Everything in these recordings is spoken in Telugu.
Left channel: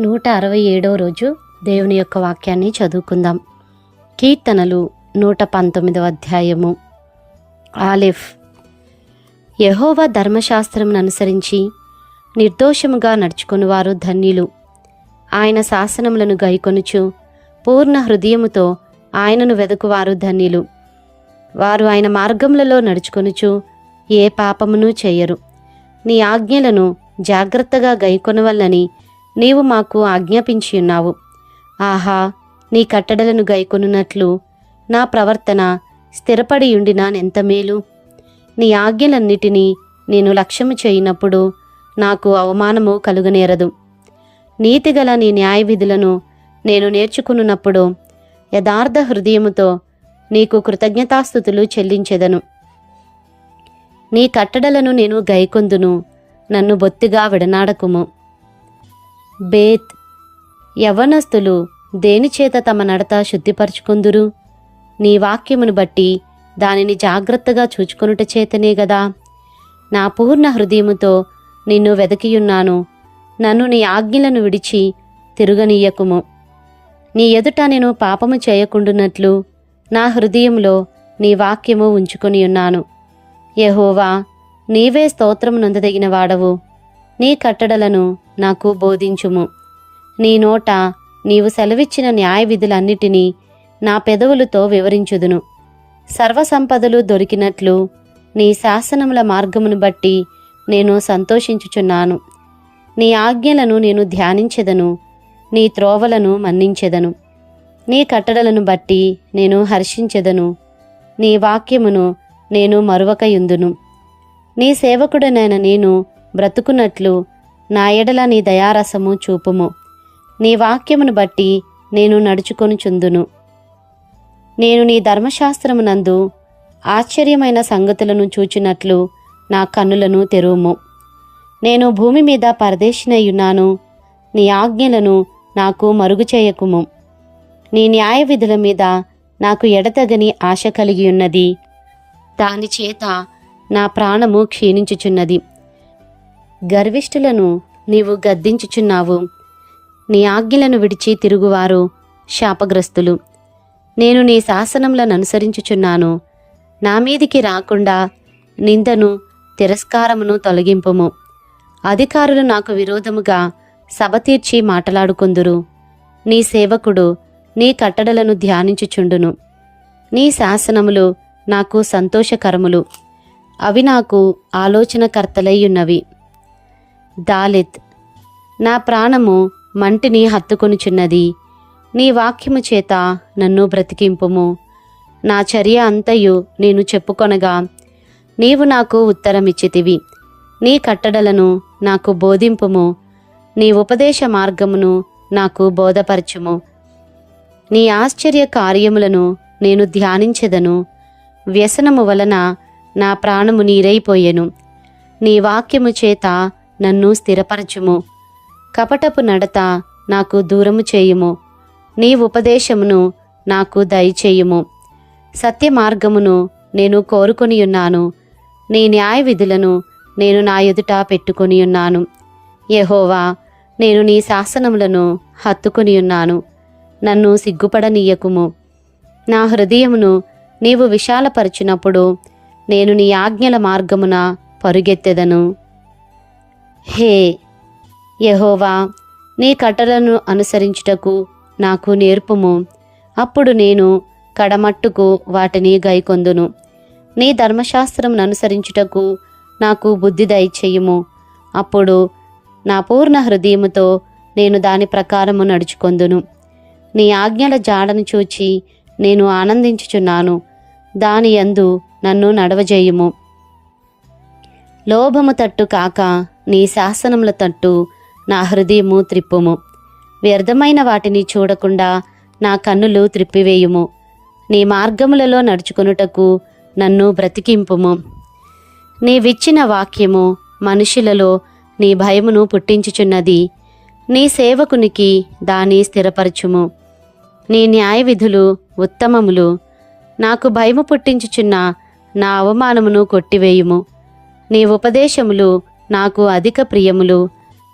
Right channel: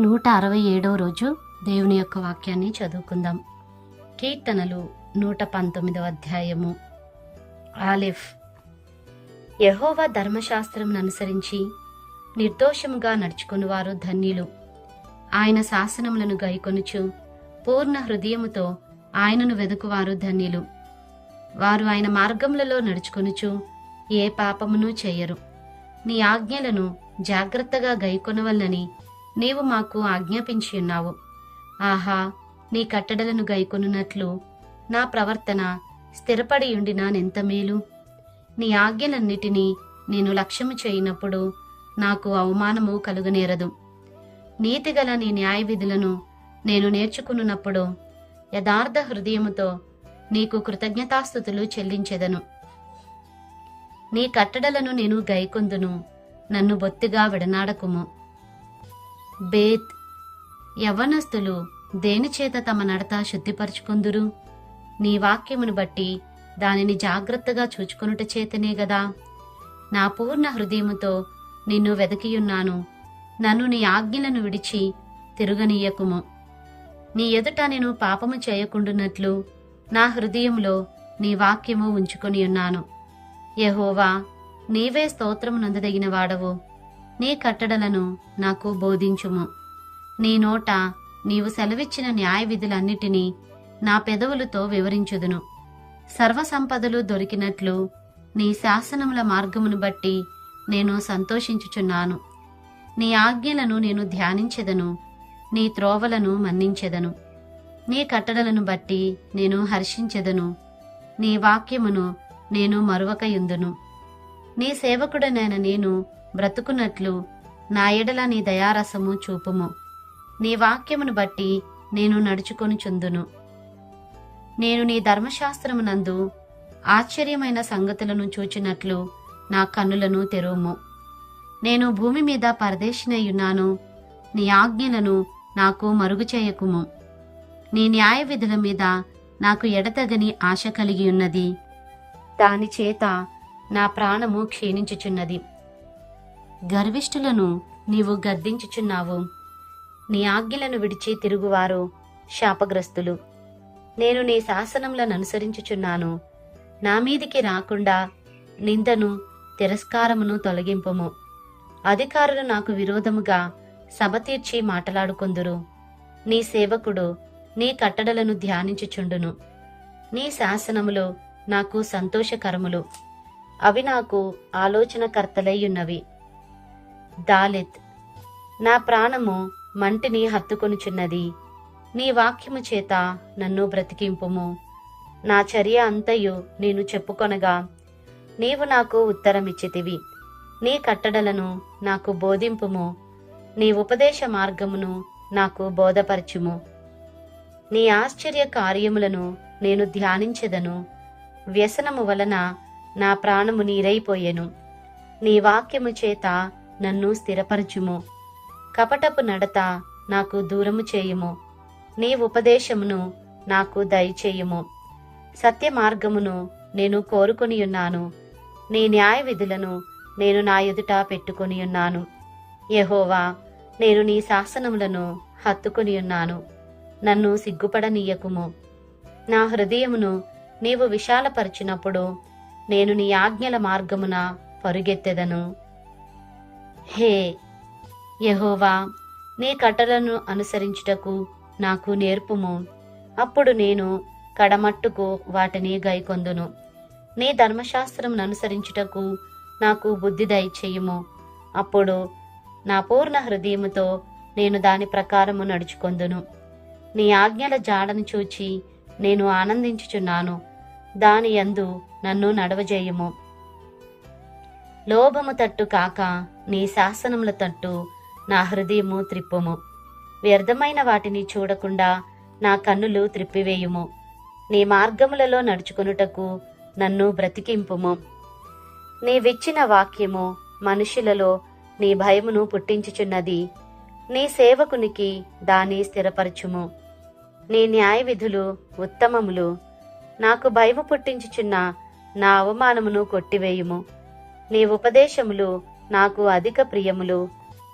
నూట అరవై ఏడో రోజు దేవుని యొక్క వాక్యాన్ని చదువుకుందాం. కీర్తనలు నూట పంతొమ్మిదవ అధ్యాయము. ఆలిఫ్. యహోవా ధర్మశాస్త్రం అనుసరించి నిర్దోషముగా నడుచుకుని వారు ధన్యులు. ఆయన శాసనములను గైకొనుచు పూర్ణ హృదయముతో ఆయనను వెదకువారు ధన్యులు. వారు ఆయన మార్గములలో నడుచుకొనుచు ఏ పాపమును చేయరు. నీ ఆజ్ఞలను జాగ్రత్తగా గైకొనవల్లని నీవు మాకు ఆజ్ఞాపించి ఉన్నావు. ఆహా నీ కట్టడలను గైకొనున్నట్లు నా ప్రవర్తన స్థిరపడి ఉండినా మేలు? నీ ఆజ్ఞలన్నిటినీ నేను లక్ష్యము చేయనప్పుడు నాకు అవమానము కలుగనేరదు. నీతిగల నీ న్యాయ విధులను నేను నేర్చుకున్నప్పుడు యథార్థ హృదయముతో నీకు కృతజ్ఞతాస్థుతులు చెల్లించెదను. నీ కట్టడలను నేను గైకొందును నన్ను బొత్తిగా విడనాడకుము. బేత్. యవనస్తులు దేనిచేత తమ నడత శుద్ధిపరుచుకుందురు? నీ వాక్యమును బట్టి దానిని జాగ్రత్తగా చూచుకొనుట చేతనే గదా. నా పూర్ణ హృదయముతో నిన్ను వెదకియున్నాను. నన్ను నీ ఆజ్ఞలను విడిచి తిరుగనీయకుము. నీ ఎదుట నేను పాపము చేయకుండునట్లు నా హృదయంలో నీ వాక్యము ఉంచుకొని ఉన్నాను యహోవా నీవే స్తోత్రము నందదగిన వాడవు. నీ కట్టడలను నాకు బోధించుము. నీ నోట నీవు సెలవిచ్చిన న్యాయ విధులన్నిటినీ నా పెదవులతో వివరించుదును. సర్వసంపదలు దొరికినట్లు నీ శాసనముల మార్గమును బట్టి నేను సంతోషించుచున్నాను. నీ ఆజ్ఞలను నేను ధ్యానించెదను నీ త్రోవలను మన్నించెదను. నీ కట్టడలను బట్టి నేను హర్షించెదను నీ వాక్యమును నేను మరువకయుందును. నీ సేవకుడనైన నేను బ్రతుకున్నట్లు నా ఎడల నీ దయారసము చూపుము. నీ వాక్యమును బట్టి నేను నడుచుకొనుచుందును నేను నీ ధర్మశాస్త్రమునందు ఆశ్చర్యమైన సంగతులను చూచినట్లు నా కన్నులను తెరువుము. నేను భూమి మీద పరదేశినయ్యున్నాను నీ ఆజ్ఞలను నాకు మరుగు చేయకుము. నీ న్యాయ విధుల మీద నాకు ఎడతగని ఆశ కలిగి ఉన్నది. దాని చేత నా ప్రాణము క్షీణించుచున్నది. గర్విష్ఠులను నీవు గద్దించుచున్నావు. నీ ఆజ్ఞలను విడిచి తిరుగువారు శాపగ్రస్తులు. నేను నీ శాసనములను అనుసరించుచున్నాను నా మీదికి రాకుండా నిందను తిరస్కారమును తొలగింపుము. అధికారులు నాకు విరోధముగా సభ తీర్చి మాట్లాడుకుందురు. నీ సేవకుడు నీ కట్టడలను ధ్యానించుచుండును. నీ శాసనములు నాకు సంతోషకరములు. అవి నాకు ఆలోచనకర్తలయ్యున్నవి దాలిత్ నా ప్రాణము మంటిని హత్తుకొనుచున్నది నీ వాక్యము చేత నన్ను బ్రతికింపుము. నా చర్య అంతయు నేను చెప్పుకొనగా నీవు నాకు ఉత్తరమిచ్చితివి. నీ కట్టడలను నాకు బోధింపుము. నీ ఉపదేశ మార్గమును నాకు బోధపరచుము. నీ ఆశ్చర్య కార్యములను నేను ధ్యానించెదను. వ్యసనము వలన నా ప్రాణము నీరైపోయెను. నీ వాక్యము చేత నన్ను స్థిరపరచుము. కపటపు నడత నాకు దూరము చేయుము. నీ ఉపదేశమును నాకు దయచేయుము. సత్య మార్గమును నేను కోరుకొనియున్నాను. నీ న్యాయ విధులను నేను నా ఎదుట పెట్టుకొని ఉన్నాను యహోవా నేను నీ శాసనములను హత్తుకొనియున్నాను. నన్ను సిగ్గుపడనీయకుము. నా హృదయమును నీవు విశాలపరచినప్పుడు నేను నీ ఆజ్ఞల మార్గమున పరుగెత్తెదను. హే యహోవా నీ కట్టలను అనుసరించుటకు నాకు నేర్పుము. అప్పుడు నేను కడమట్టుకు వాటిని గైకొందును. నీ ధర్మశాస్త్రం అనుసరించుటకు నాకు బుద్ధి దయచేయుము. అప్పుడు నా పూర్ణ హృదయముతో నేను దాని ప్రకారము నడుచుకొందును. నీ ఆజ్ఞల జాడను చూచి నేను ఆనందించుచున్నాను. దాని యందు నన్ను నడవజేయుము. లోభము తట్టు కాక నీ శాసనముల తట్టు నా హృదయము త్రిప్పుము. వ్యర్థమైన వాటిని చూడకుండా నా కన్నులు త్రిప్పివేయుము. నీ మార్గములలో నడుచుకొనుటకు నన్ను బ్రతికింపుము. నీవిచ్చిన వాక్యము మనుషులలో నీ భయమును పుట్టించుచున్నది. నీ సేవకునికి దాని స్థిరపరచుము. నీ న్యాయ విధులు ఉత్తమములు. నాకు భయము పుట్టించుచున్న నా అవమానమును కొట్టివేయుము. నీ ఉపదేశములు నాకు అధిక ప్రియములు.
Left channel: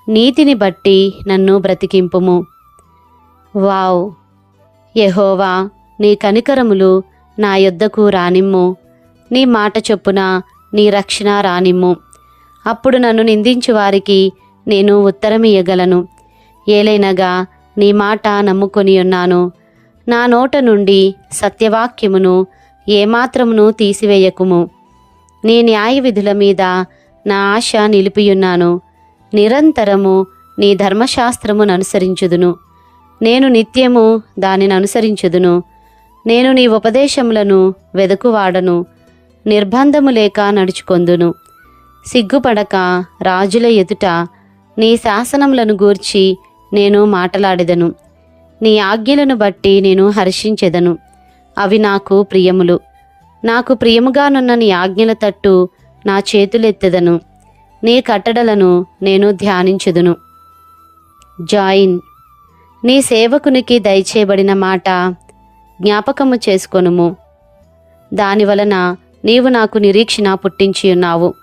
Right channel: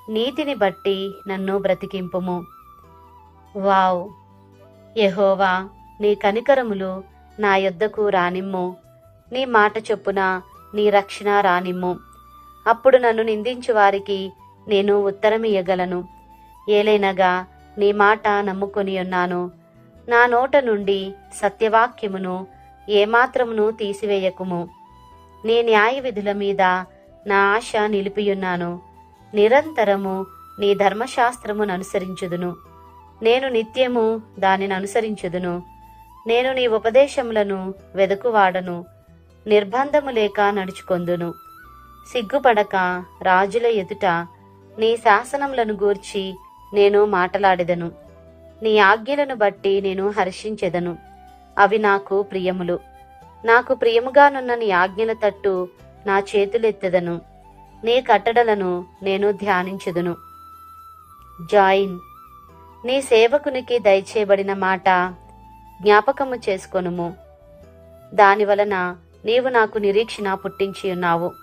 నీతిని బట్టి నన్ను బ్రతికింపుము. వావ్! యహోవా నీ కనికరములు నా యొద్దకు రానిమ్ము. నీ మాట చొప్పున నీ రక్షణ రానిమ్ము. అప్పుడు నన్ను నిందించు వారికి నేను ఉత్తరమియ్యగలను. ఏలైనగా నీ మాట నమ్ముకొని ఉన్నాను. నా నోట నుండి సత్యవాక్యమును ఏమాత్రమును తీసివేయకుము. నీ న్యాయ విధుల మీద నా ఆశ నిలిపియున్నాను. నిరంతరము నీ ధర్మశాస్త్రమును అనుసరించుదును. నేను నిత్యము దానిని అనుసరించుదును. నేను నీ ఉపదేశములను వెదకువాడను. నిర్బంధము లేక నడుచుకొందును. సిగ్గుపడక రాజుల ఎదుట నీ శాసనములను గూర్చి నేను మాటలాడెదను. నీ ఆజ్ఞలను బట్టి నేను హర్షించెదను. అవి నాకు ప్రియములు. నాకు ప్రియముగానున్న నీ ఆజ్ఞల తట్టు నా చేతులెత్తెదను. నీ కట్టడలను నేను ధ్యానించుదును. జాయిన్. నీ సేవకునికి దయచేయబడిన మాట జ్ఞాపకము చేసుకొనుము. దాని వలన నీవు నాకు నిరీక్షణ పుట్టించియున్నావు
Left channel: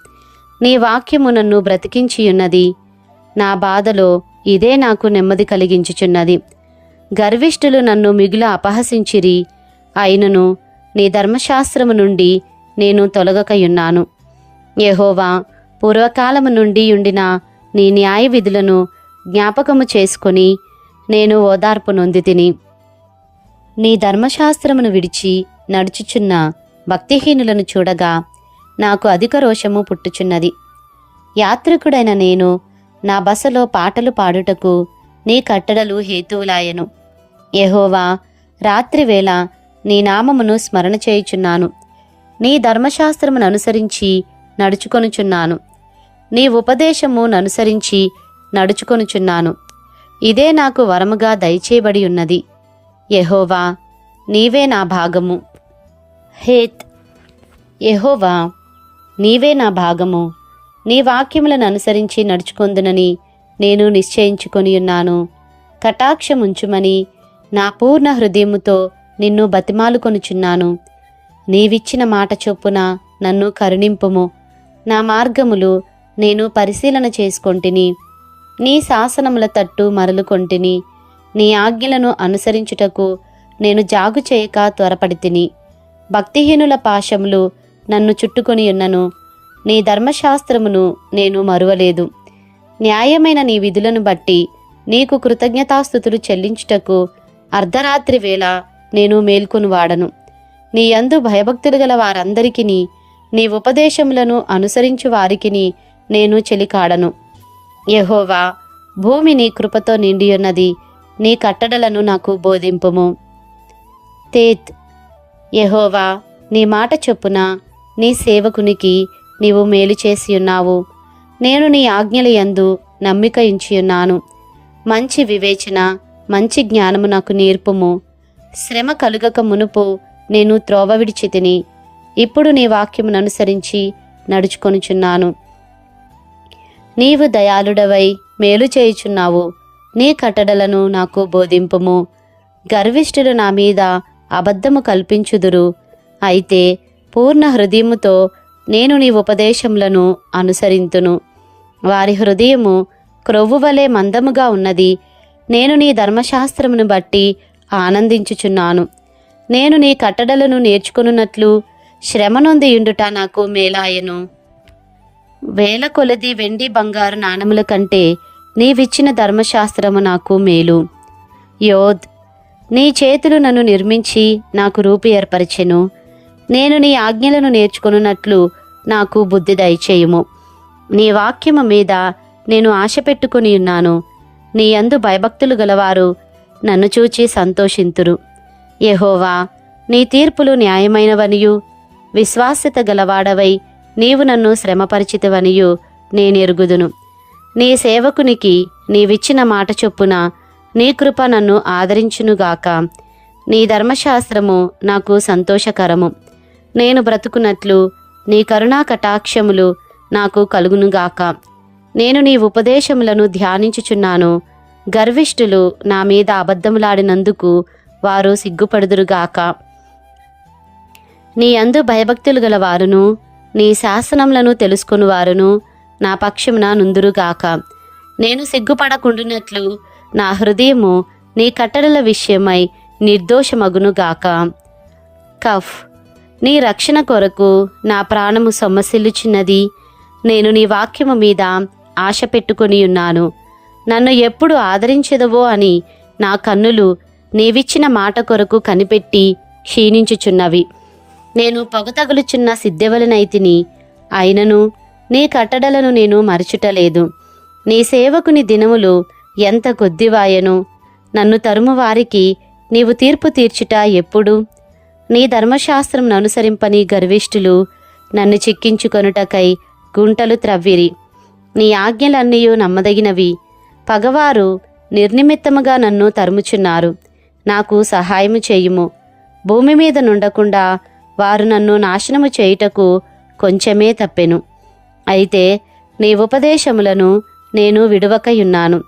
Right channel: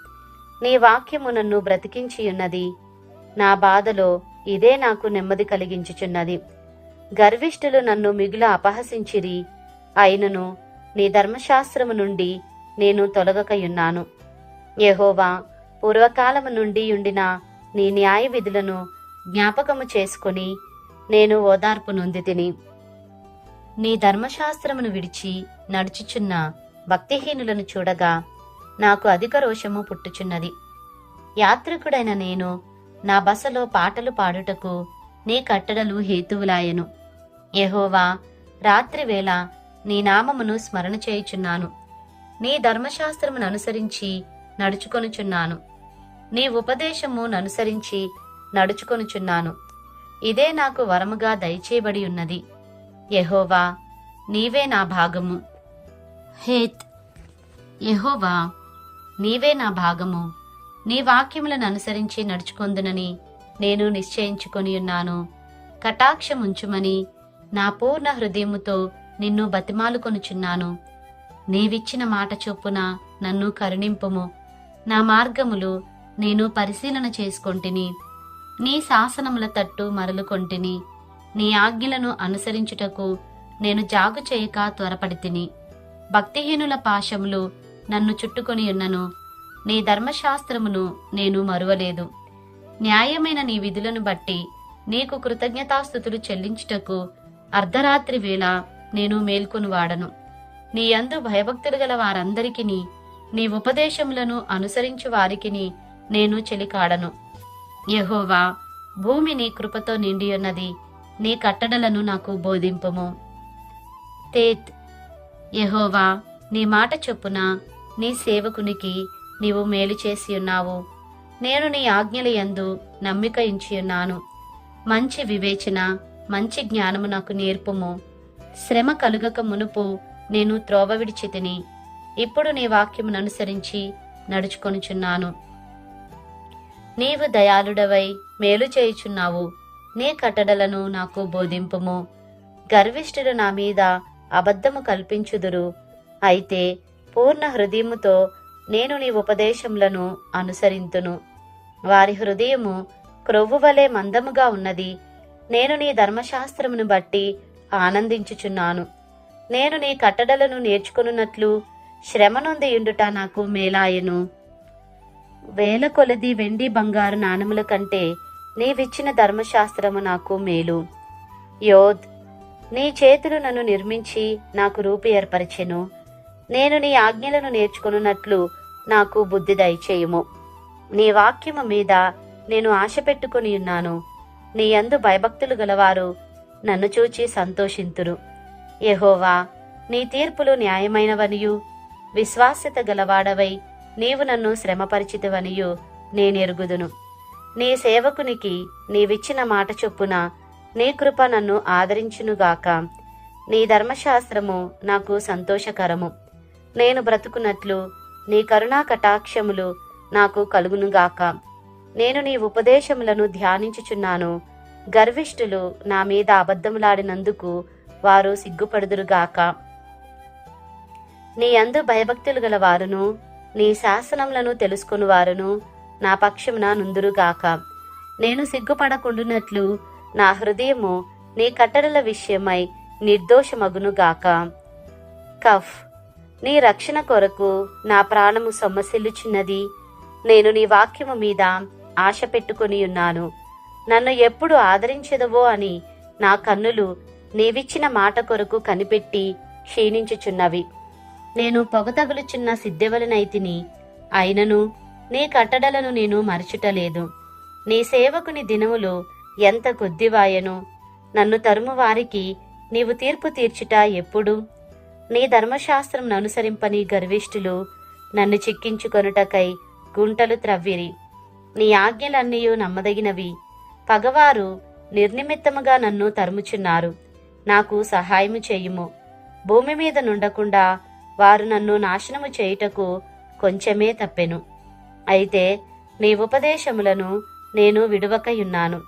నీ వాక్యము నన్ను బ్రతికించియున్నది నా బాధలో ఇదే నాకు నెమ్మది కలిగించుచున్నది. గర్విష్ఠులు నన్ను మిగుల అపహసించిరి. అయినను నీ ధర్మశాస్త్రము నుండి నేను తొలగకయున్నాను. యహోవా పూర్వకాలము నుండి ఉండిన నీ న్యాయ విధులను జ్ఞాపకము చేసుకొని నేను ఓదార్పు నొంది తిని నీ ధర్మశాస్త్రమును విడిచి నడుచుచున్న భక్తిహీనులను చూడగా నాకు అధిక రోషము పుట్టుచున్నది. యాత్రికుడైన నేను నా బసలో పాటలు పాడుటకు నీ కట్టడలు హేతువులాయను. యహోవా రాత్రివేళ నీ నామమును స్మరణ చేయుచున్నాను. నీ ధర్మశాస్త్రమును అనుసరించి నడుచుకొనుచున్నాను. నీ ఉపదేశము అనుసరించి నడుచుకొనుచున్నాను. ఇదే నాకు వరముగా దయచేయబడి ఉన్నది. యహోవా నీవే నా భాగము. హేత్ యహోవా నీవే నా భాగము. నీ వాక్యములను అనుసరించి నడుచుకొందునని నేను నిశ్చయించుకొని ఉన్నాను. కటాక్షముంచుమని నా పూర్ణ హృదయముతో నిన్ను బతిమాలుకొనుచున్నాను. నీవిచ్చిన మాట చొప్పున నన్ను కరుణింపుము. నా మార్గములు నేను పరిశీలన చేసుకొంటిని. నీ శాసనముల తట్టు మరలుకొంటిని. నీ ఆజ్ఞలను అనుసరించుటకు నేను జాగు చేయక త్వరపడి తిని భక్తిహీనుల పాశములు నన్ను చుట్టుకొని ఉన్నను. నీ ధర్మశాస్త్రమును నేను మరువలేదు. న్యాయమైన నీ విధులను బట్టి నీకు కృతజ్ఞతాస్థుతులు చెల్లించుటకు అర్ధరాత్రి వేళ నేను మేల్కొని వాడను నీ అందు భయభక్తులు గల వారందరికీ నీ ఉపదేశములను అనుసరించు వారికిని నేను చెలికాడను. యహోవా భూమి నీ కృపతో నిండియున్నది నీ కట్టడలను నాకు బోధింపుము. తేత్ యహోవా నీ మాట చొప్పున నీ సేవకునికి నీవు మేలు చేసి ఉన్నావు నేను నీ ఆజ్ఞల యందు నమ్మిక ఉన్నాను మంచి వివేచన మంచి జ్ఞానము నాకు నేర్పుము. శ్రమ కలుగక మునుపు నేను త్రోవ విడిచి తిని ఇప్పుడు నీ వాక్యమును అనుసరించి నడుచుకొనుచున్నాను. నీవు దయాళుడవై మేలు చేయుచున్నావు. నీ కట్టడలను నాకు బోధింపుము. గర్విష్ఠులు నా మీద అబద్ధము కల్పించుదురు. అయితే పూర్ణ హృదయముతో నేను నీ ఉపదేశములను అనుసరింతును. వారి హృదయము క్రొవ్వు వలె మందముగా ఉన్నది. నేను నీ ధర్మశాస్త్రమును బట్టి ఆనందించుచున్నాను. నేను నీ కట్టడలను నేర్చుకున్నట్లు శ్రమ నొంది ఉండుట నాకు మేలాయను. వేల కొలది వెండి బంగారు నాణముల కంటే నీవిచ్చిన ధర్మశాస్త్రము నాకు మేలు. యోధ్ నీ చేతులు నన్ను నిర్మించి నాకు రూపు ఏర్పరిచెను. నేను నీ ఆజ్ఞలను నేర్చుకున్నట్లు నాకు బుద్ధి దయచేయుము. నీ వాక్యము మీద నేను ఆశ పెట్టుకుని ఉన్నాను. నీ అందు భయభక్తులు గలవారు నన్ను చూచి సంతోషింతురు. యహోవా నీ తీర్పులు న్యాయమైనవనియు. విశ్వాస్యత గలవాడవై నీవు నన్ను శ్రమపరిచితవనియు నేనెరుగుదును. నీ సేవకునికి నీవిచ్చిన మాట చొప్పున నీ కృప నన్ను ఆదరించునుగాక. నీ ధర్మశాస్త్రము నాకు సంతోషకరము. నేను బ్రతుకున్నట్లు నీ కరుణా కటాక్షములు నాకు కలుగునుగాక. నేను నీ ఉపదేశములను ధ్యానించుచున్నాను. గర్విష్ఠులు నా మీద అబద్ధములాడినందుకు వారు సిగ్గుపడుదురుగాక. నీ అందు భయభక్తులు గల వారును నీ శాసనములను తెలుసుకుని వారును నా పక్షమున నుందురుగాక. నేను సిగ్గుపడకుండునట్లు నా హృదయము నీ కట్టడల విషయమై నిర్దోషమగునుగాక. కఫ్. నీ రక్షణ కొరకు నా ప్రాణము సొమ్మసిల్లుచున్నది. నేను నీ వాక్యము మీద ఆశ పెట్టుకొని ఉన్నాను నన్ను ఎప్పుడు ఆదరించెదవో అని నా కన్నులు నీవిచ్చిన మాట కొరకు కనిపెట్టి క్షీణించుచున్నవి. నేను పొగ తగులుచున్న సిద్ధెవలనైతిని అయినను నీ కట్టడలను నేను మరచుటలేదు. నీ సేవకుని దినములు ఎంత కొద్దివాయను? నన్ను తరుము వారికి నీవు తీర్పు తీర్చుట ఎప్పుడు? నీ ధర్మశాస్త్రం అనుసరింపని గర్విష్ఠులు నన్ను చిక్కించుకొనుటకై గుంటలు త్రవ్విరి. నీ ఆజ్ఞలన్నీయు నమ్మదగినవి. పగవారు నిర్నిమిత్తముగా నన్ను తరుముచున్నారు. నాకు సహాయము చేయుము. భూమి మీద నుండకుండా వారు నన్ను నాశనము చేయుటకు కొంచెమే తప్పెను. అయితే నీ ఉపదేశములను నేను విడువకయున్నాను.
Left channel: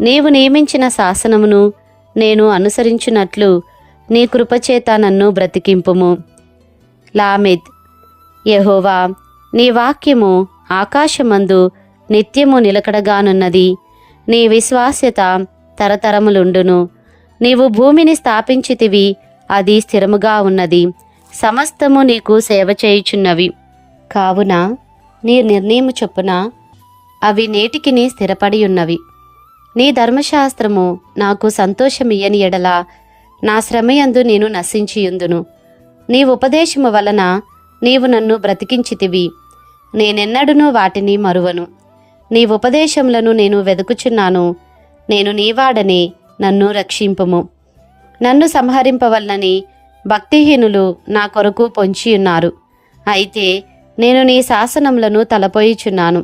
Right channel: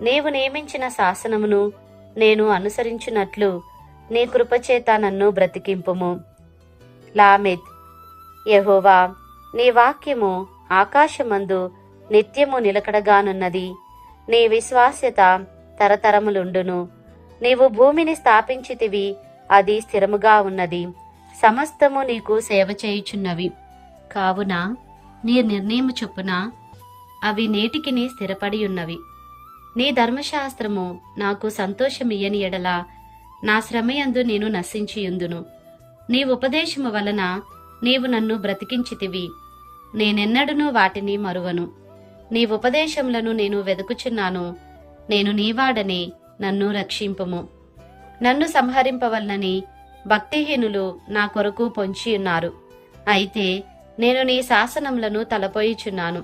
నీవు నియమించిన శాసనమును నేను అనుసరించినట్లు నీ కృపచేత నన్ను బ్రతికింపుము. లామెద్. యెహోవా నీ వాక్యము ఆకాశమందు నిత్యము నిలకడగానున్నది. నీ విశ్వాస్యత తరతరములుండును. నీవు భూమిని స్థాపించితివి అది స్థిరముగా ఉన్నది. సమస్తము నీకు సేవ చేయుచున్నవి. కావున నీ నిర్ణయము చొప్పున అవి నేటికిని స్థిరపడి ఉన్నవి నీ ధర్మశాస్త్రము నాకు సంతోషమియ్యని ఎడల నా శ్రమయందు నేను నశించియుందును. నీ ఉపదేశము వలన నీవు నన్ను బ్రతికించితివి. నేనెన్నడూనూ వాటిని మరువను. నీ ఉపదేశములను నేను వెదుకుచున్నాను. నేను నీవాడనే నన్ను రక్షింపము. నన్ను సంహరింపవలనని భక్తిహీనులు నా కొరకు పొంచియున్నారు అయితే నేను నీ శాసనములను తలపోయిచున్నాను.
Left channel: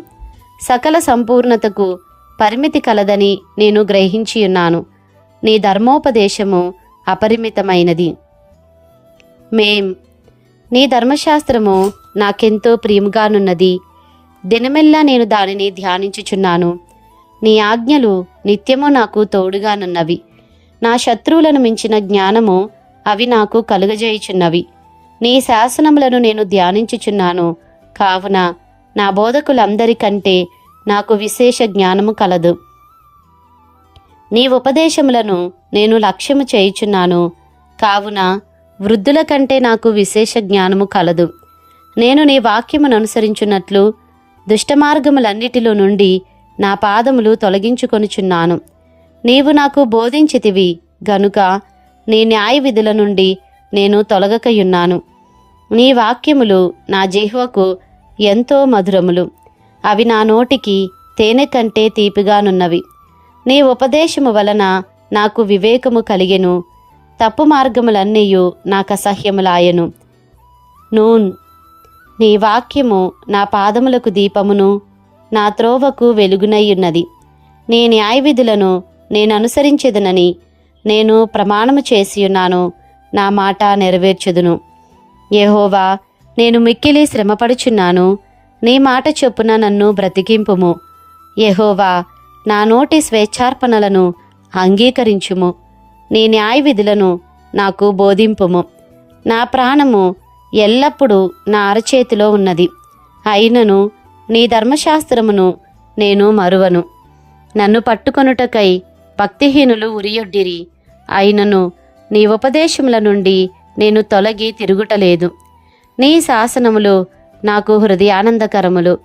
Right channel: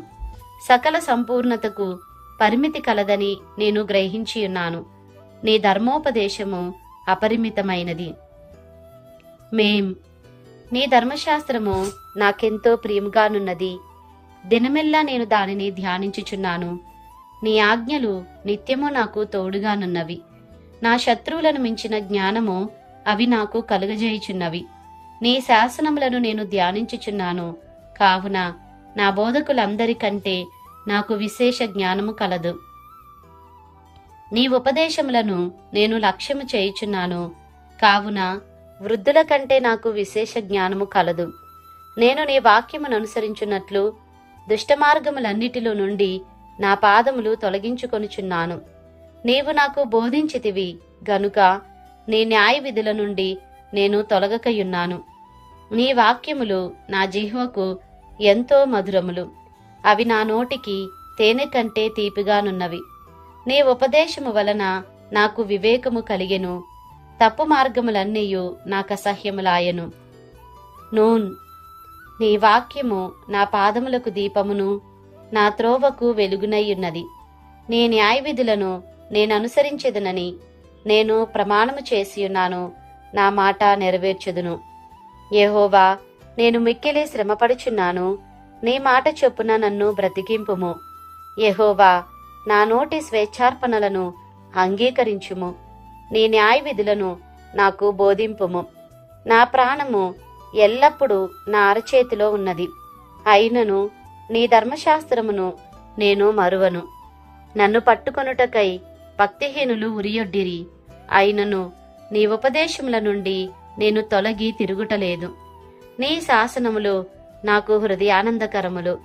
సకల సంపూర్ణతకు పరిమితి కలదని నేను గ్రహించియున్నాను నీ ధర్మోపదేశము అపరిమితమైనది. మేం నీ ధర్మశాస్త్రము నాకెంతో ప్రియముగానున్నది దినమెల్లా నేను దానిని ధ్యానించుచున్నాను. నీ ఆజ్ఞలు నిత్యము నాకు తోడుగానున్నవి. నా శత్రువులను మించిన జ్ఞానము అవి నాకు కలుగజేయుచున్నవి. నీ శాసనములను నేను ధ్యానించుచున్నాను. కావున నా బోధకులందరికంటే నాకు విశేష జ్ఞానము కలదు. నీ ఉపదేశములను నేను లక్ష్యము చేయుచున్నాను. కావున వృద్ధుల కంటే నాకు విశేష జ్ఞానము కలదు. నేను నీ వాక్యమును అనుసరించున్నట్లు దుష్టమార్గములన్నిటిలో నుండి నా పాదములు తొలగించుకొనుచున్నాను. నీవు నాకు బోధించితివి గనుక నీ న్యాయ విధుల నుండి నేను తొలగకయున్నాను. నీ వాక్యములు నా జిహ్వకు ఎంతో మధురములు. అవి నా నోటికి తేనె కంటే తీపిగానున్నవి. నీ ఉపదేశము వలన నాకు వివేకము కలిగెను. తప్పు మార్గములన్నీయు నాకు అసహ్యములాయను. నూన్ నీ వాక్యము నా పాదములకు దీపమును నా త్రోవకు వెలుగునయ్యున్నది. నీ న్యాయ విధులను నేను అనుసరించేదనని నేను ప్రమాణము చేసియున్నాను. నా మాట నెరవేర్చుదును. యహోవా నేను మిక్కిలి శ్రమపడుచున్నాను. నీ మాట చొప్పున నన్ను బ్రతికింపుము. యహోవా నా నోటి స్వేచ్ఛార్పణలను అంగీకరించుము. నీ న్యాయ విధులను నాకు బోధింపుము. నా ప్రాణము ఎల్లప్పుడూ నా అరచేతిలో ఉన్నది. అయినను నీ ధర్మశాస్త్రమును నేను మరువను. నన్ను పట్టుకొనుటకై భక్తిహీనులు ఉరియొడ్డిరి. అయినను నీ ఉపదేశముల నుండి నేను తొలగి తిరుగుటలేదు. నీ శాసనములు నాకు హృదయానందకరములు.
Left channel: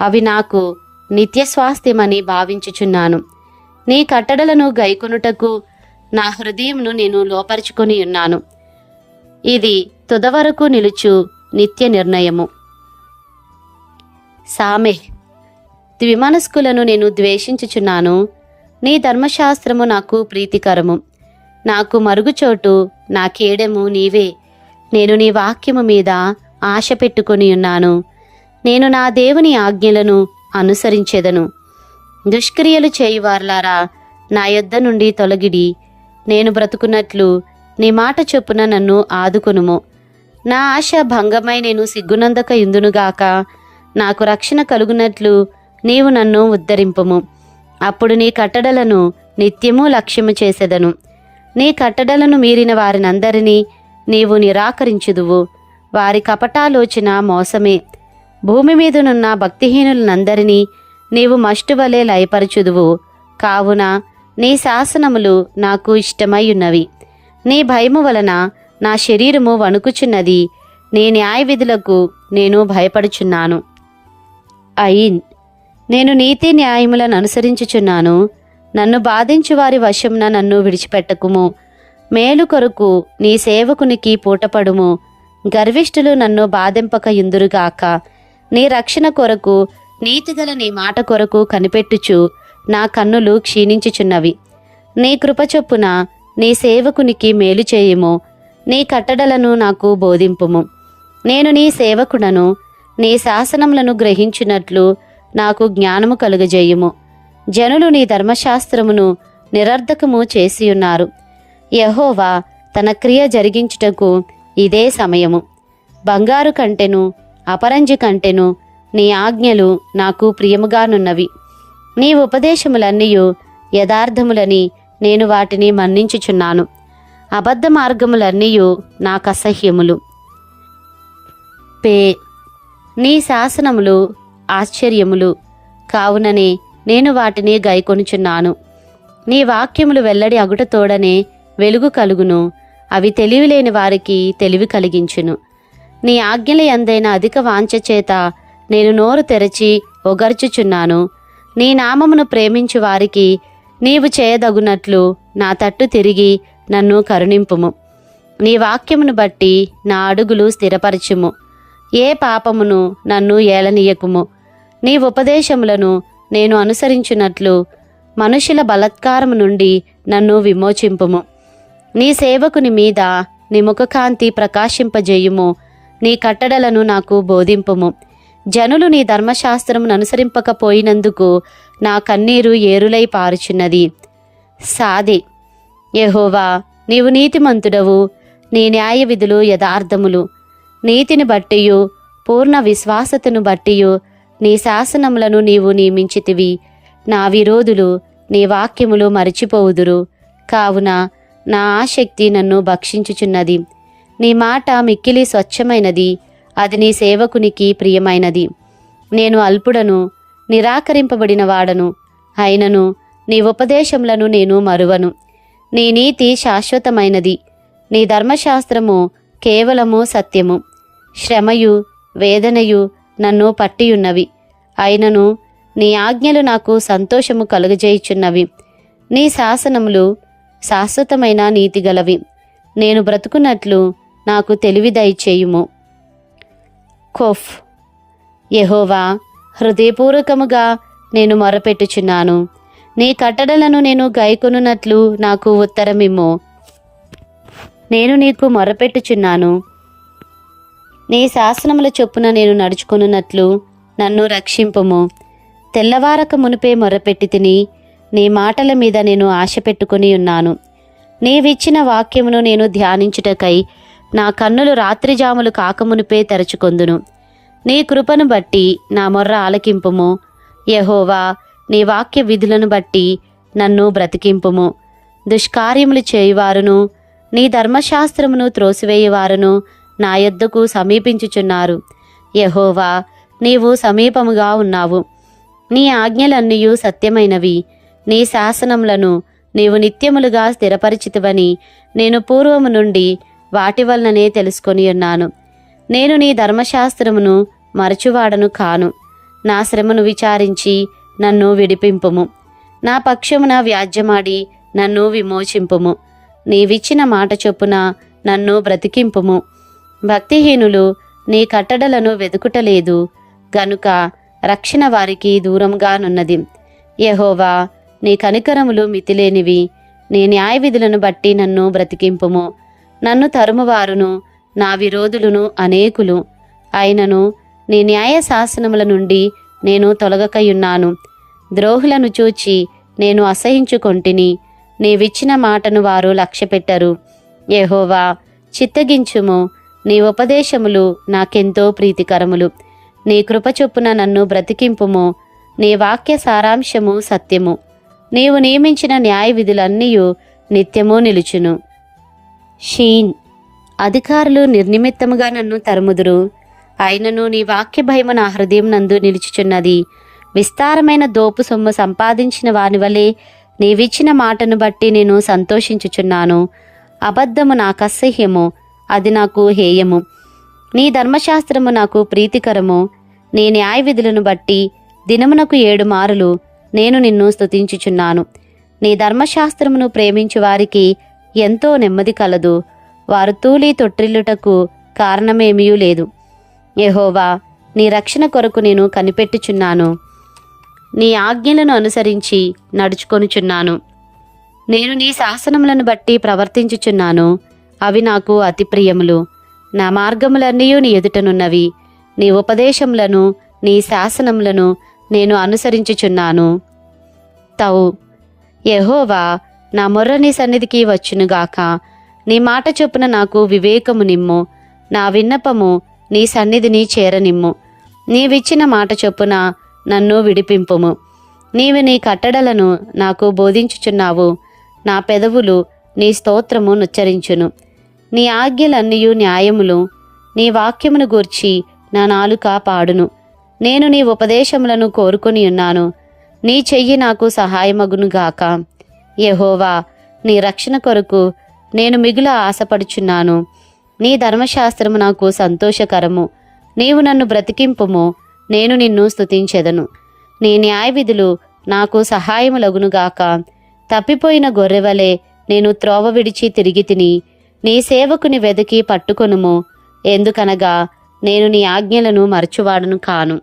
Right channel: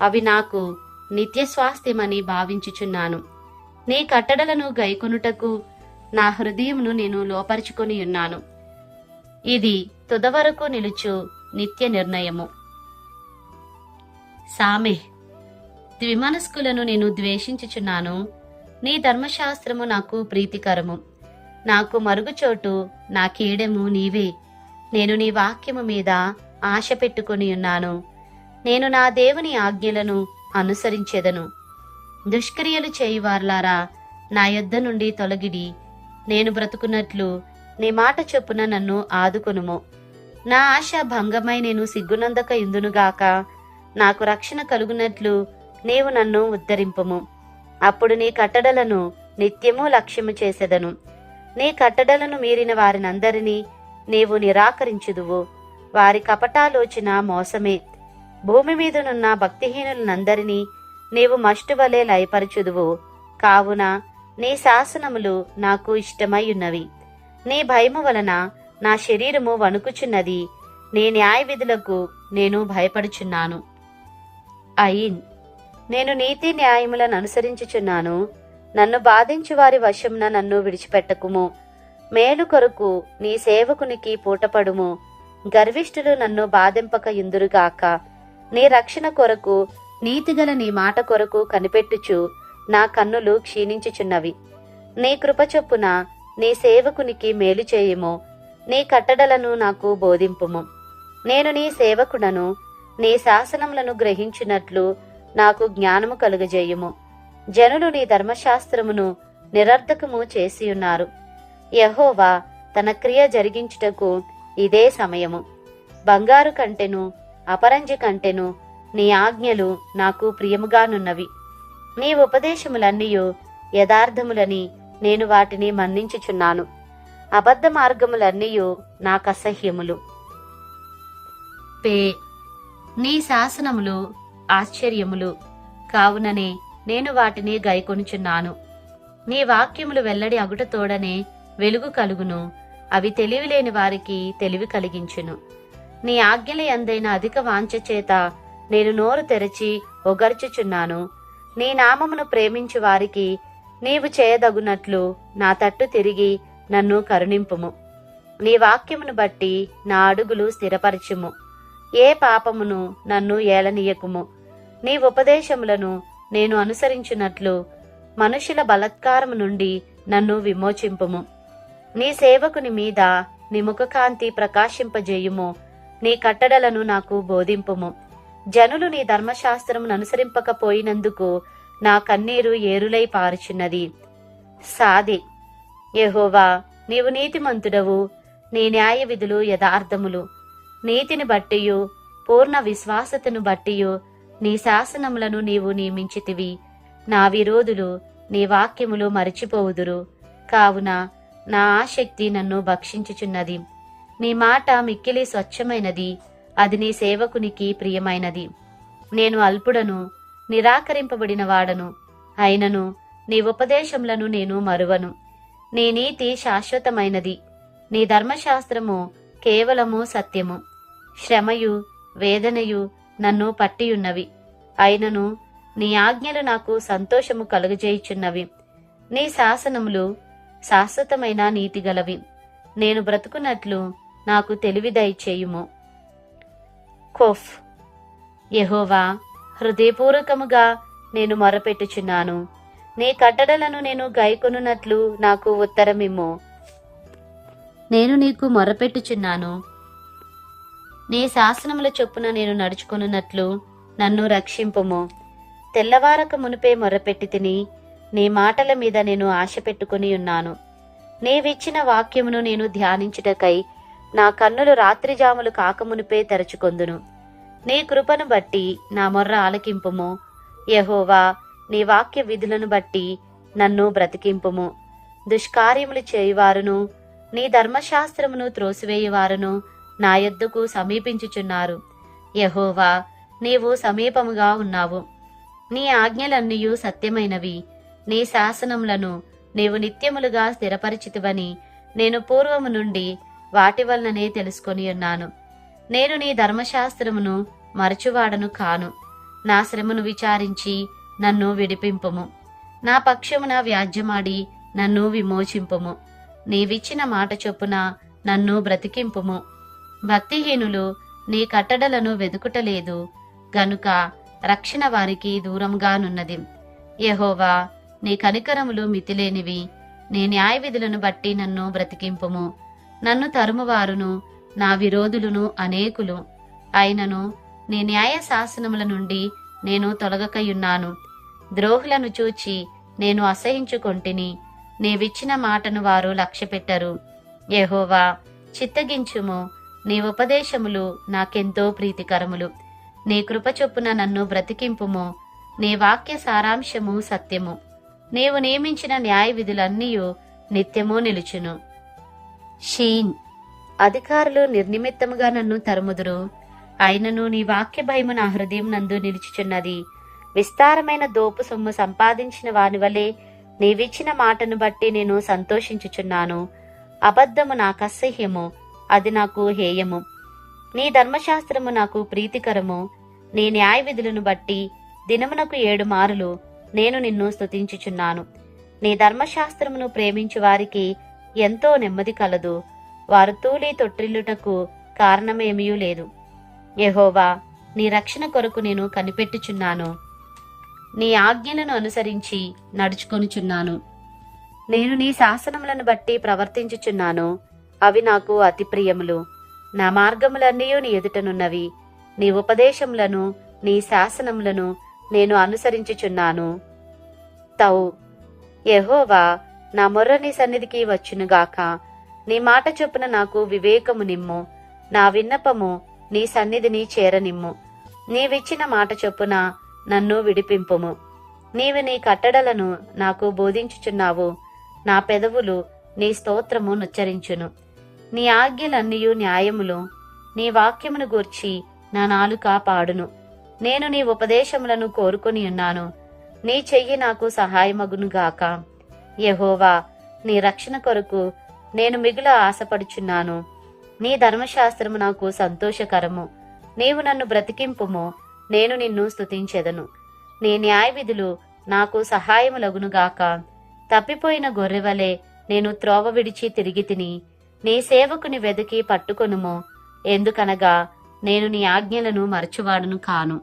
అవి నాకు నిత్య స్వాస్థ్యమని భావించుచున్నాను. నీ కట్టడలను గైకొనుటకు నా హృదయంను నేను లోపరుచుకొని ఉన్నాను. ఇది తుదవరకు నిలుచు నిత్య నిర్ణయము. సామెహ్ ద్విమనస్కులను నేను ద్వేషించుచున్నాను. నీ ధర్మశాస్త్రము నాకు ప్రీతికరము. నాకు మరుగుచోటు నా కేడము నీవే. నేను నీ వాక్యము మీద ఆశ పెట్టుకొని ఉన్నాను. నేను నా దేవుని ఆజ్ఞలను అనుసరించెదను. దుష్క్రియలు చేయువార్లారా నా యొద్ద నుండి తొలగిడి. నేను బ్రతుకున్నట్లు నీ మాట చొప్పున నన్ను ఆదుకొనుము. నా ఆశ భంగమై నేను సిగ్గునందక ఇందునుగాక నాకు రక్షణ కలుగునట్లు నీవు నన్ను ఉద్ధరింపము. అప్పుడు నీ కట్టడలను నిత్యము లక్ష్యము చేసెదను. నీ కట్టడలను మీరిన వారినందరినీ నీవు నిరాకరించుదువు. వారి కపటాలోచన మోసమే. భూమి మీదనున్న భక్తిహీనులనందరినీ నీవు మష్టు వలె లయపరచుదువు. కావున నీ శాసనములు నాకు ఇష్టమై ఉన్నవి నీ భయము వలన నా శరీరము వణుకుచున్నది. నీ న్యాయ విధులకు నేను భయపడుచున్నాను. అయిన్ నేను నీతి న్యాయములను అనుసరించుచున్నాను. నన్ను బాధించు వారి వశంన నన్ను విడిచిపెట్టకుము. మేలు కొరకు నీ సేవకునికి పూటపడుము. గర్విష్ఠులు నన్ను బాధింపక ఇందురుగాక నీ రక్షణ కొరకు నీతిగల నీ మాట కొరకు కనిపెట్టుచు నా కన్నులు క్షీణించుచున్నవి. నీ కృప చొప్పున నీ సేవకునికి మేలు చేయుము. నీ కట్టడలను నాకు బోధింపుము. నేను నీ సేవకుడను నీ శాసనములను గ్రహించినట్లు నాకు జ్ఞానము కలుగజేయుము. జనులు నీ ధర్మశాస్త్రమును నిరర్ధకము చేసియున్నారు. యహోవా తన క్రియ జరిగించుటకు ఇదే సమయము. బంగారు కంటెను అపరంజి కంటెను నీ ఆజ్ఞలు నాకు ప్రియముగానున్నవి. నీ ఉపదేశములన్నీయు యథార్థములని నేను వాటిని మన్నించుచున్నాను. అబద్ధ మార్గములన్నీయు నాకు అసహ్యములు పే. నీ శాసనములు ఆశ్చర్యములు. కావుననే నేను వాటిని గైకొనుచున్నాను నీ వాక్యములు వెల్లడి అగుటతోడనే వెలుగు కలుగును. అవి తెలివిలేని వారికి తెలివి కలిగించును. నీ ఆజ్ఞల ఎందైన అధిక వాంఛ చేత నేను నోరు తెరచి ఒగర్చుచున్నాను. నీ నామమును ప్రేమించు వారికి నీవు చేయదగునట్లు నా తట్టు తిరిగి నన్ను కరుణింపుము. నీ వాక్యమును బట్టి నా అడుగులు స్థిరపరచుము. ఏ పాపమును నన్ను ఏలనీయకుము. నీ ఉపదేశములను నేను అనుసరించున్నట్లు మనుషుల బలత్కారము నుండి నన్ను విమోచింపుము. నీ సేవకుని మీద నీ ముఖకాంతి ప్రకాశింపజేయుము. నీ కట్టడలను నాకు బోధింపుము. జనులు నీ ధర్మశాస్త్రమును అనుసరింపకపోయినందుకు నా కన్నీరు ఏరులై పారుచున్నది. సాది. యహోవా నీవు నీతిమంతుడవు. నీ న్యాయ విధులు యథార్థములు. నీతిని బట్టియు పూర్ణ విశ్వాసతను బట్టియు నీ శాసనములను నీవు నియమించితివి. నా విరోధులు నీ వాక్యములు మరచిపోవుదురు. కావున నా ఆసక్తి నన్ను భక్షించుచున్నది. నీ మాట మిక్కిలి స్వచ్ఛమైనది. అది నీ సేవకునికి ప్రియమైనది. నేను అల్పుడను నిరాకరింపబడిన వాడను. అయినను నీ ఉపదేశములను నేను మరువను. నీ నీతి శాశ్వతమైనది. నీ ధర్మశాస్త్రము కేవలము సత్యము. శ్రమయు వేదనయు నన్ను పట్టియున్నవి. అయినను నీ ఆజ్ఞలు నాకు సంతోషము కలుగజేయుచున్నవి. నీ శాసనములు శాశ్వతమైన నీతిగలవి నేను బ్రతుకున్నట్లు నాకు తెలివి దయచేయుము కొఫ్. యహోవా హృదయపూర్వకముగా నేను మొరపెట్టుచున్నాను. నీ కట్టడలను నేను గైకొనున్నట్లు నాకు ఉత్తరమిమ్ము. నేను నీకు మొరపెట్టుచున్నాను. నీ శాసనముల చొప్పున నేను నడుచుకొనున్నట్లు నన్ను రక్షింపుము. తెల్లవారక మునిపే మొరపెట్టి తిని నీ మాటల మీద నేను ఆశ పెట్టుకుని ఉన్నాను. నీవిచ్చిన వాక్యమును నేను ధ్యానించుటకై నా కన్నులు రాత్రిజాములు కాకమునిపే తెరచుకొందును. నీ కృపను బట్టి నా మొర్ర ఆలకింపుము. యహోవా నీ వాక్య విధులను బట్టి నన్ను బ్రతికింపుము. దుష్కార్యములు చేయువారును నీ ధర్మశాస్త్రమును త్రోసివేయువారును నా యొద్దకు సమీపించుచున్నారు. యహోవా నీవు సమీపముగా ఉన్నావు. నీ ఆజ్ఞలన్నీయు సత్యమైనవి. నీ శాసనములను నీవు నిత్యములుగా స్థిరపరిచితివని నేను పూర్వము నుండి వాటి వలననే తెలుసుకొని ఉన్నాను. నేను నీ ధర్మశాస్త్రమును మరచువాడను కాను. నా శ్రమను విచారించి నన్ను విడిపింపుము. నా పక్షమున వ్యాజ్యమాడి నన్ను విమోచింపుము. నీవిచ్చిన మాట చొప్పున నన్ను బ్రతికింపుము. భక్తిహీనులు నీ కట్టడలను వెతుకుటలేదు గనుక రక్షణ వారికి దూరంగానున్నది. యహోవా నీ కనికరములు మితిలేనివి. నీ న్యాయ విధులను బట్టి నన్ను బ్రతికింపుము. నన్ను తరుమువారును నా విరోధులను అనేకులు. అయినను నీ న్యాయ శాసనముల నుండి నేను తొలగకయున్నాను. ద్రోహులను చూచి నేను అసహించుకొంటిని. నీవిచ్చిన మాటను వారు లక్ష్యపెట్టరు. యహోవా చిత్తగించుము. నీ ఉపదేశములు నాకెంతో ప్రీతికరములు. నీ కృప చొప్పున నన్ను బ్రతికింపుము. నీ వాక్య సారాంశము సత్యము. నీవు నియమించిన న్యాయ విధులన్నీయు నిత్యము నిలుచును. షీన్ అధికారులు నిర్నిమిత్తముగా నన్ను తరుముదురు. అయినను నీ వాక్య భయము నా హృదయం నందు నిలుచుచున్నది. విస్తారమైన దోపు సొమ్ము సంపాదించిన వాని వలె నీవిచ్చిన మాటను బట్టి నేను సంతోషించుచున్నాను. అబద్ధము నాకు అసహ్యము అది నాకు హేయము. నీ ధర్మశాస్త్రము నాకు ప్రీతికరము. నీ న్యాయ విధులను బట్టి దినమునకు ఏడు మారులు నేను నిన్ను స్తుతించుచున్నాను. నీ ధర్మశాస్త్రమును ప్రేమించు వారికి ఎంతో నెమ్మది కలదు. వారు తూలి తొట్టిల్లుటకు కారణమేమీ లేదు. యెహోవా నీ రక్షణ కొరకు నేను కనిపెట్టుచున్నాను. నీ ఆజ్ఞలను అనుసరించి నడుచుకొనుచున్నాను. నేను నీ శాసనములను బట్టి ప్రవర్తించుచున్నాను. అవి నాకు అతి ప్రియములు. నా మార్గములన్నీ నీ ఎదుటనున్నవి. నీ ఉపదేశములను నీ శాసనములను నేను అనుసరించుచున్నాను. తవు. యహోవా నా మొర్ర నీ సన్నిధికి వచ్చునుగాక. నీ మాట చొప్పున నాకు వివేకము నిమ్ము. నా విన్నపము నీ సన్నిధిని చేరనిమ్ము. నీవిచ్చిన మాట చొప్పున నన్ను విడిపింపుము. నీవు నీ కట్టడలను నాకు బోధించుచున్నావు. నా పెదవులు నీ స్తోత్రము నుచ్చరించును. నీ ఆజ్ఞలన్నీయు న్యాయములు. నీ వాక్యమును గూర్చి నా నాలుక పాడును. నేను నీ ఉపదేశములను కోరుకొని ఉన్నాను. నీ చెయ్యి నాకు సహాయమగును గాక. యెహోవా నీ రక్షణ కొరకు నేను మిగుల ఆశపడుచున్నాను. నీ ధర్మశాస్త్రము నాకు సంతోషకరము. నీవు నన్ను బ్రతికింపుము. నేను నిన్ను స్తుతించెదను. నీ న్యాయవిధులు నాకు సహాయములగును గాక. తప్పిపోయిన గొర్రెవలే నేను త్రోవ విడిచి తిరిగి తిని నీ సేవకుని వెదకి పట్టుకొనుము. ఎందుకనగా నేను నీ ఆజ్ఞలను మరచువాడను కాను.